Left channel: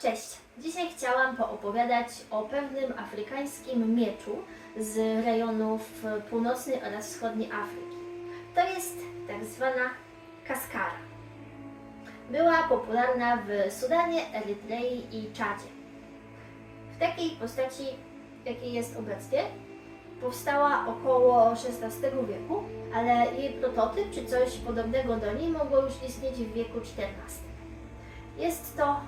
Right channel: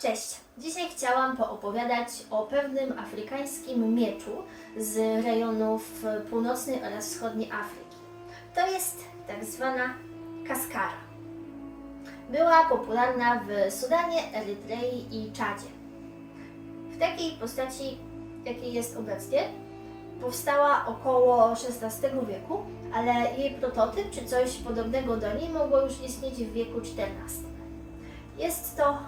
Cześć! Dzisiaj chciałam poopowiadać o pewnym afrykańskim mieczu z rejonów północnej oraz wschodniej Afryki. To jest tak zwana kaskara. Była popularna w Sudanie, Erytrei i Czadzie. W takiej postaci, jakiej jest obecnie, powstała około XVI wieku, ale jej prototyp czy coś podobnego do niej mogło już istnieć w wieku XIV. Jest to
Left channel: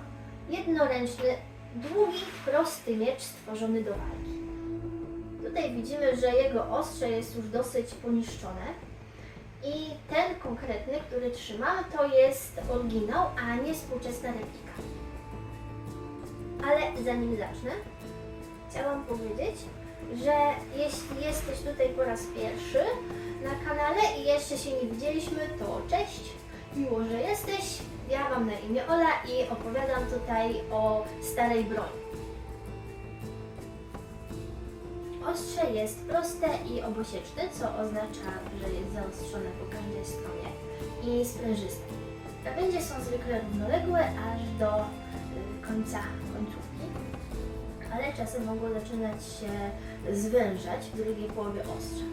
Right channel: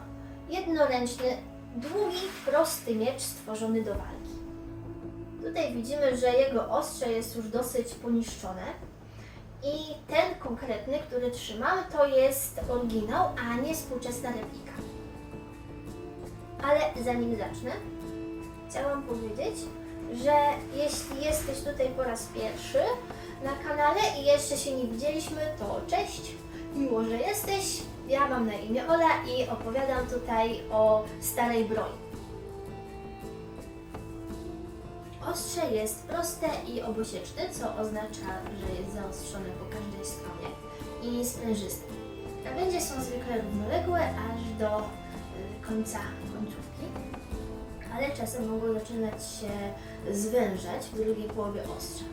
jednoręczny, długi, prosty miecz stworzony do walki. Tutaj widzimy, że jego ostrze jest już dosyć poniszczone i ten konkretny, który trzymamy, to jest oryginał, a nie współczesna replika. Ale zanim zacznę, chciałam powiedzieć, że jeśli jesteś tutaj po raz pierwszy na kanale i jeszcze się nie widzieliśmy, to cześć, miło, że jesteś. Ja mam na imię Ola i opowiadam tutaj o starej broni. Ostrze jest proste i obosieczne, co oznacza, że jest zaostrzone po każdej stronie i sprężyste. Krawędzie są zwykle równoległe aż do końca końcówki, ale czasem mogą zaczynać się zwężać w drugiej połowie ostrza.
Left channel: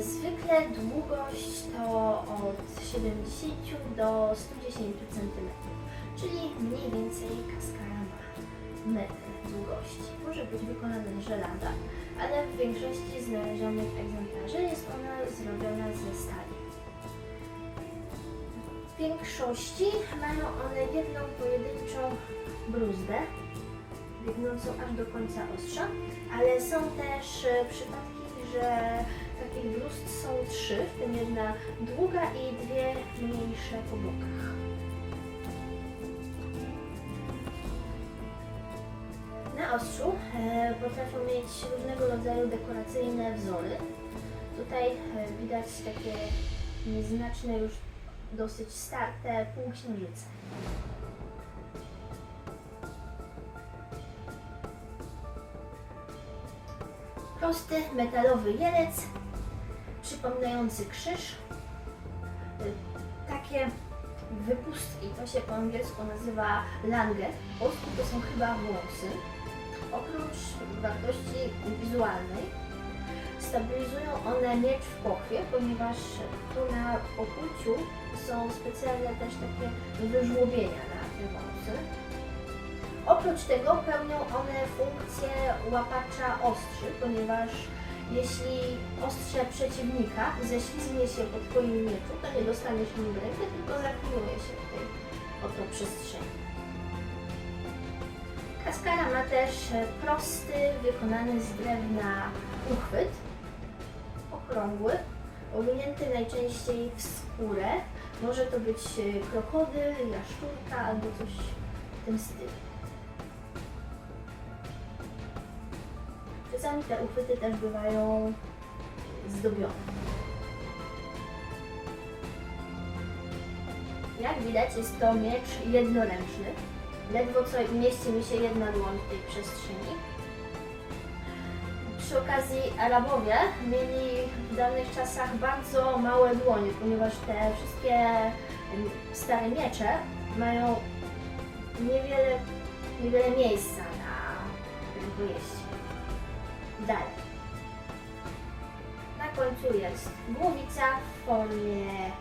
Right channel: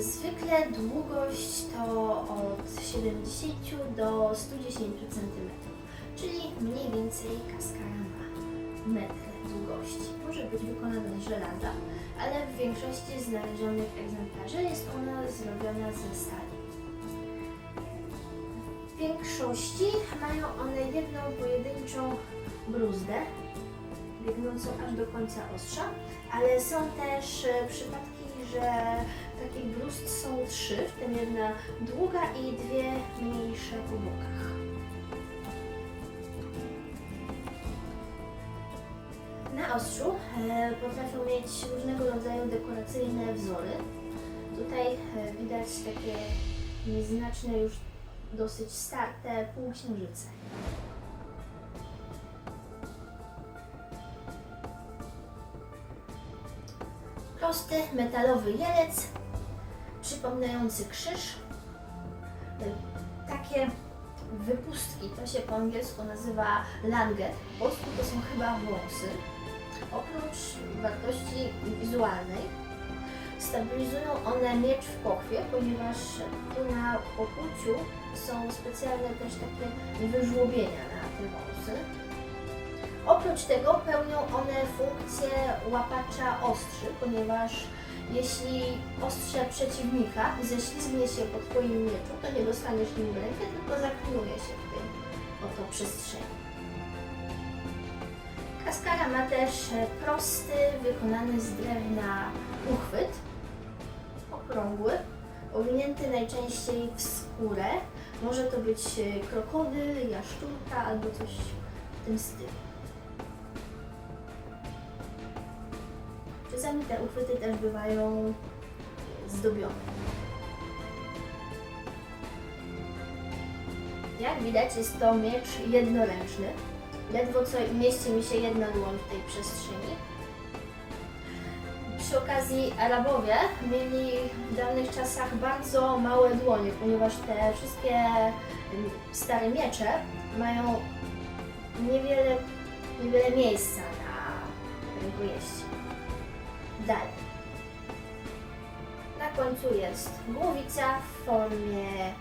Zwykle długość to od 70 do 110 cm, czyli mniej więcej kaskara ma metr długości. Może być wykonana z żelaza, ale w większości znalezionych egzemplarzy jest ona zrobiona ze stali. W większości mają one jedną pojedynczą bruzdę, biegnącą aż do końca ostrza, ale są też przypadki, że takich bruzd są 3, w tym jedna długa i 2 mniejsze po bokach. Na ostrzu potrafią mieć różnego rodzaju dekoracyjne wzory. Tutaj widać takie nieznaczne, już dosyć starte półksiężyce. Prosty metalowy jelec, przypominający krzyż. Takie wypustki, to się po angielsku nazywa lange, po polsku to są chyba wąsy. Oprócz wartości wizualnej, stabilizują one miecz w pochwie, ponieważ tu na pokłuciu są specjalne też takie wyżłobienia na te wąsy. Oprócz tego pełnią one funkcję łapacza ostrzy, ponieważ jeśli ostrze przeciwnika ześlizgnie się po Twoim mieczu, to nie dostaniesz nim w rękę, tylko zaklinuje się w tej oto przestrzeni. Kaskara ma też prosty, wykonany z drewna uchwyt, okrągły, owinięty najczęściej w skórę. Może to być krokodyl, jaszczurka albo coś w tym stylu. Czasami te uchwyty też bywają zdobione. Jak widać, jest to miecz jednoręczny. Ledwo co mieści mi się jedna dłoń w tej przestrzeni. Przy okazji Arabowie mieli w dawnych czasach bardzo małe dłonie, ponieważ te wszystkie stare miecze mają niewiele miejsca na rękojeści. Dalej. Na końcu jest głowica w formie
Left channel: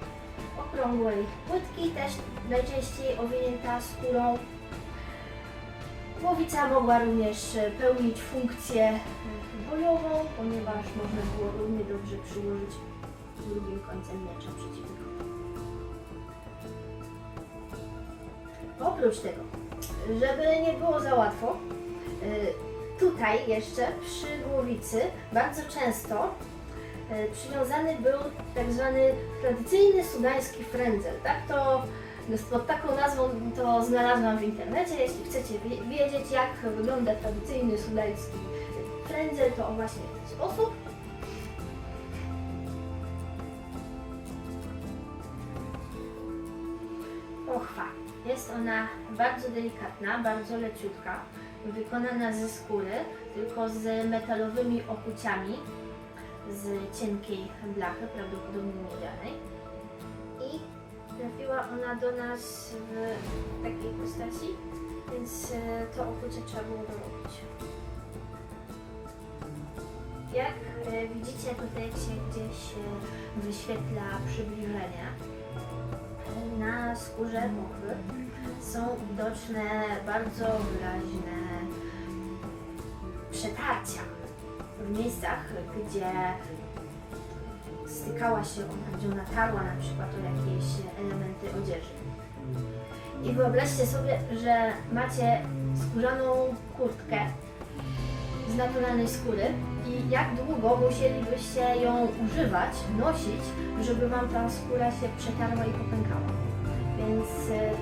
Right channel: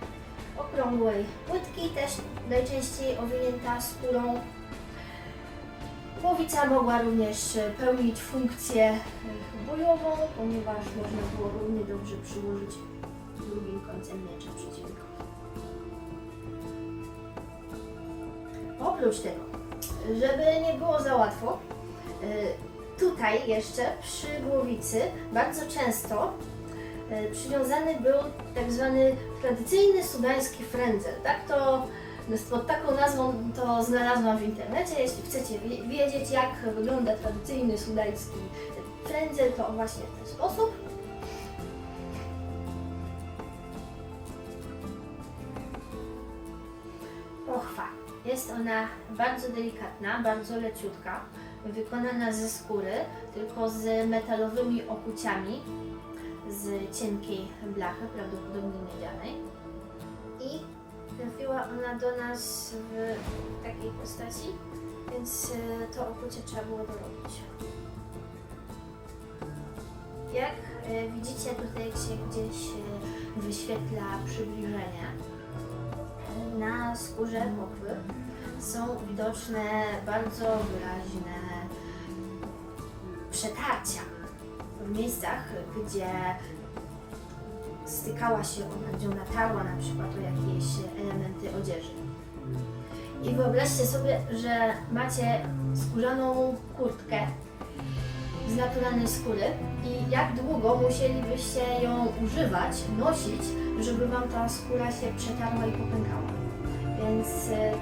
okrągłej płytki, też najczęściej owinięta skórą. Głowica mogła również pełnić funkcję bojową, ponieważ można było równie dobrze przyłożyć drugim końcem miecza przeciwnikowi. Oprócz tego, żeby nie było za łatwo, tutaj jeszcze przy głowicy bardzo często przywiązany był tak zwany tradycyjny sudański frędzel. Pod taką nazwą to znalazłam w internecie. Jeśli chcecie wiedzieć, jak wygląda tradycyjny sudański frędzel, to właśnie w ten sposób. Pochwa. Jest ona bardzo delikatna, bardzo leciutka, wykonana ze skóry, tylko z metalowymi okuciami z cienkiej blachy, prawdopodobnie miedzianej. I trafiła ona do nas w takiej postaci, więc to okucie trzeba było dorobić. Jak widzicie tutaj, jak się gdzieś wyświetla przybliżenie, na skórze pochwy są widoczne bardzo wyraźne przetarcia w miejscach, gdzie stykała się ona, gdzie ona tarła na przykład o jakieś elementy odzieży. I wyobraźcie sobie, że macie skórzaną kurtkę z naturalnej skóry i jak długo musielibyście ją używać, nosić, żeby Wam ta skóra się przetarła i popękała. Więc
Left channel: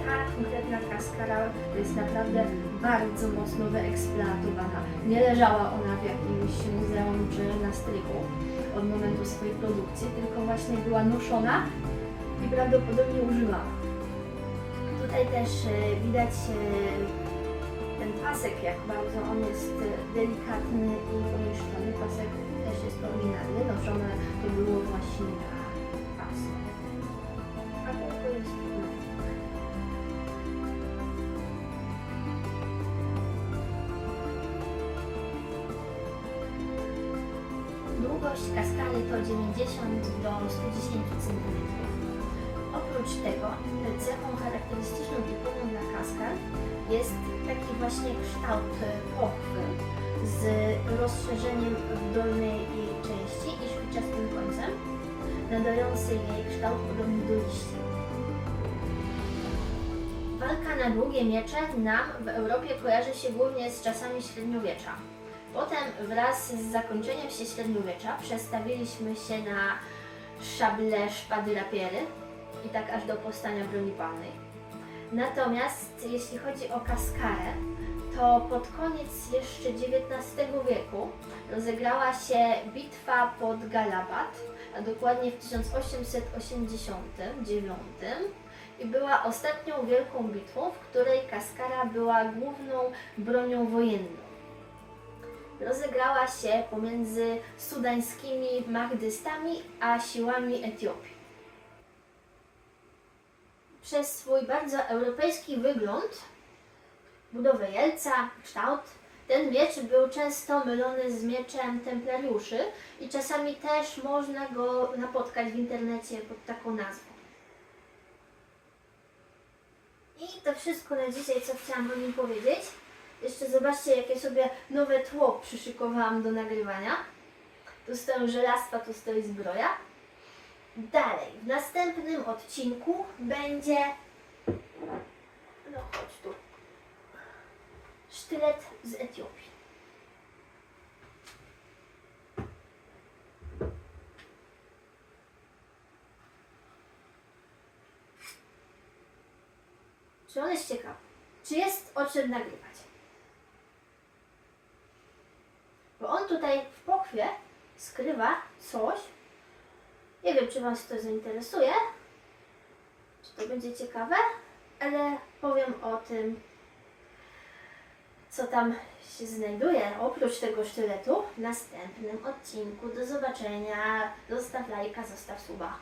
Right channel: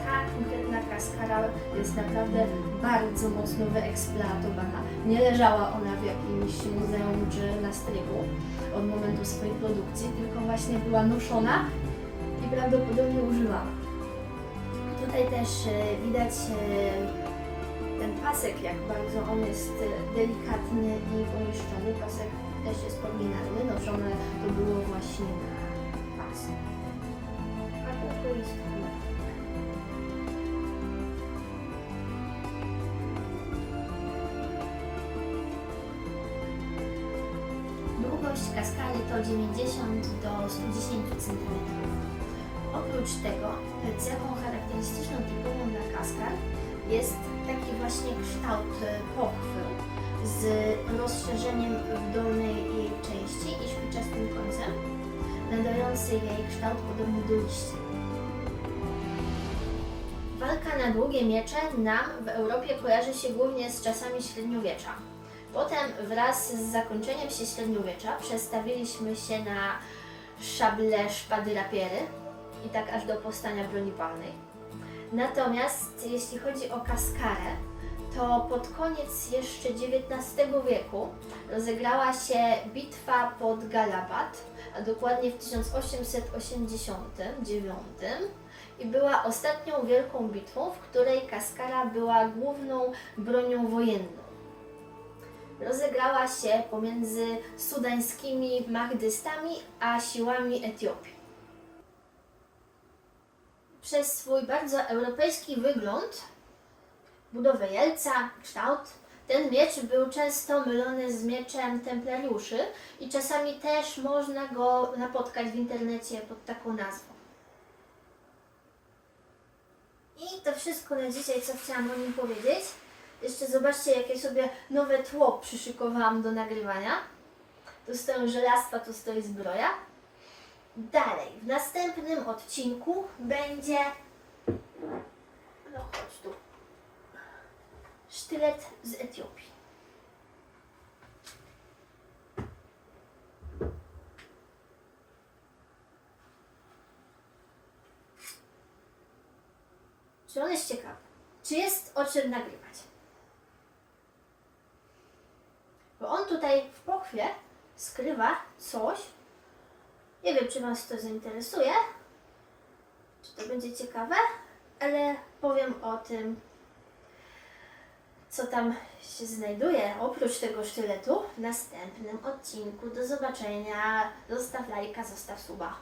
ta konkretna kaskara jest naprawdę bardzo mocno wyeksploatowana. Nie leżała ona w jakimś muzeum czy na strychu od momentu swojej produkcji, tylko właśnie była noszona i prawdopodobnie używana. Tutaj też widać ten pasek, jak bardzo on jest delikatny i pomieszczony. Pasek też jest oryginalny, noszone to było właśnie na pasku. A kółko jest metalowe. Długość kaskary to 90 do 110 cm. Oprócz tego cechą charakterystyczną typową dla kaskar jest taki właśnie kształt pochwy z rozszerzeniem w dolnej jej części i szpiczastym końcem, nadający jej kształt podobny do liścia. Walka na długie miecze nam w Europie kojarzy się głównie z czasami średniowiecza. Potem wraz z zakończeniem się średniowiecza przestawiliśmy się na szable, szpady, rapiery i tak aż do powstania broni palnej. Natomiast jeśli chodzi o kaskarę, to pod koniec jeszcze XIX wieku rozegrała się bitwa pod Galabat, a dokładnie w 1889 i była ostatnią wielką bitwą, w której kaskara była główną bronią wojenną. Rozegrała się pomiędzy sudańskimi mahdystami a siłami Etiopii. Przez swój bardzo europejski wygląd, budowę jelca, kształt, ten miecz był często mylony z mieczem templariuszy i czasami też można go napotkać w internecie pod taką nazwą. I to wszystko na dzisiaj, co chciałam o nim powiedzieć. Jeszcze zobaczcie, jakie sobie nowe tło przyszykowałam do nagrywania. Tu stoją żelastwa, tu stoi zbroja. Dalej, w następnym odcinku będzie, no chodź tu, sztylet z Etiopii. Czy on jest ciekawy? Czy jest o czym nagrywać? Bo on tutaj w pochwie skrywa coś. Nie wiem, czy Was to zainteresuje, czy to będzie ciekawe, ale powiem o tym, co tam się znajduje oprócz tego sztyletu w następnym odcinku. Do zobaczenia. Zostaw lajka, zostaw suba.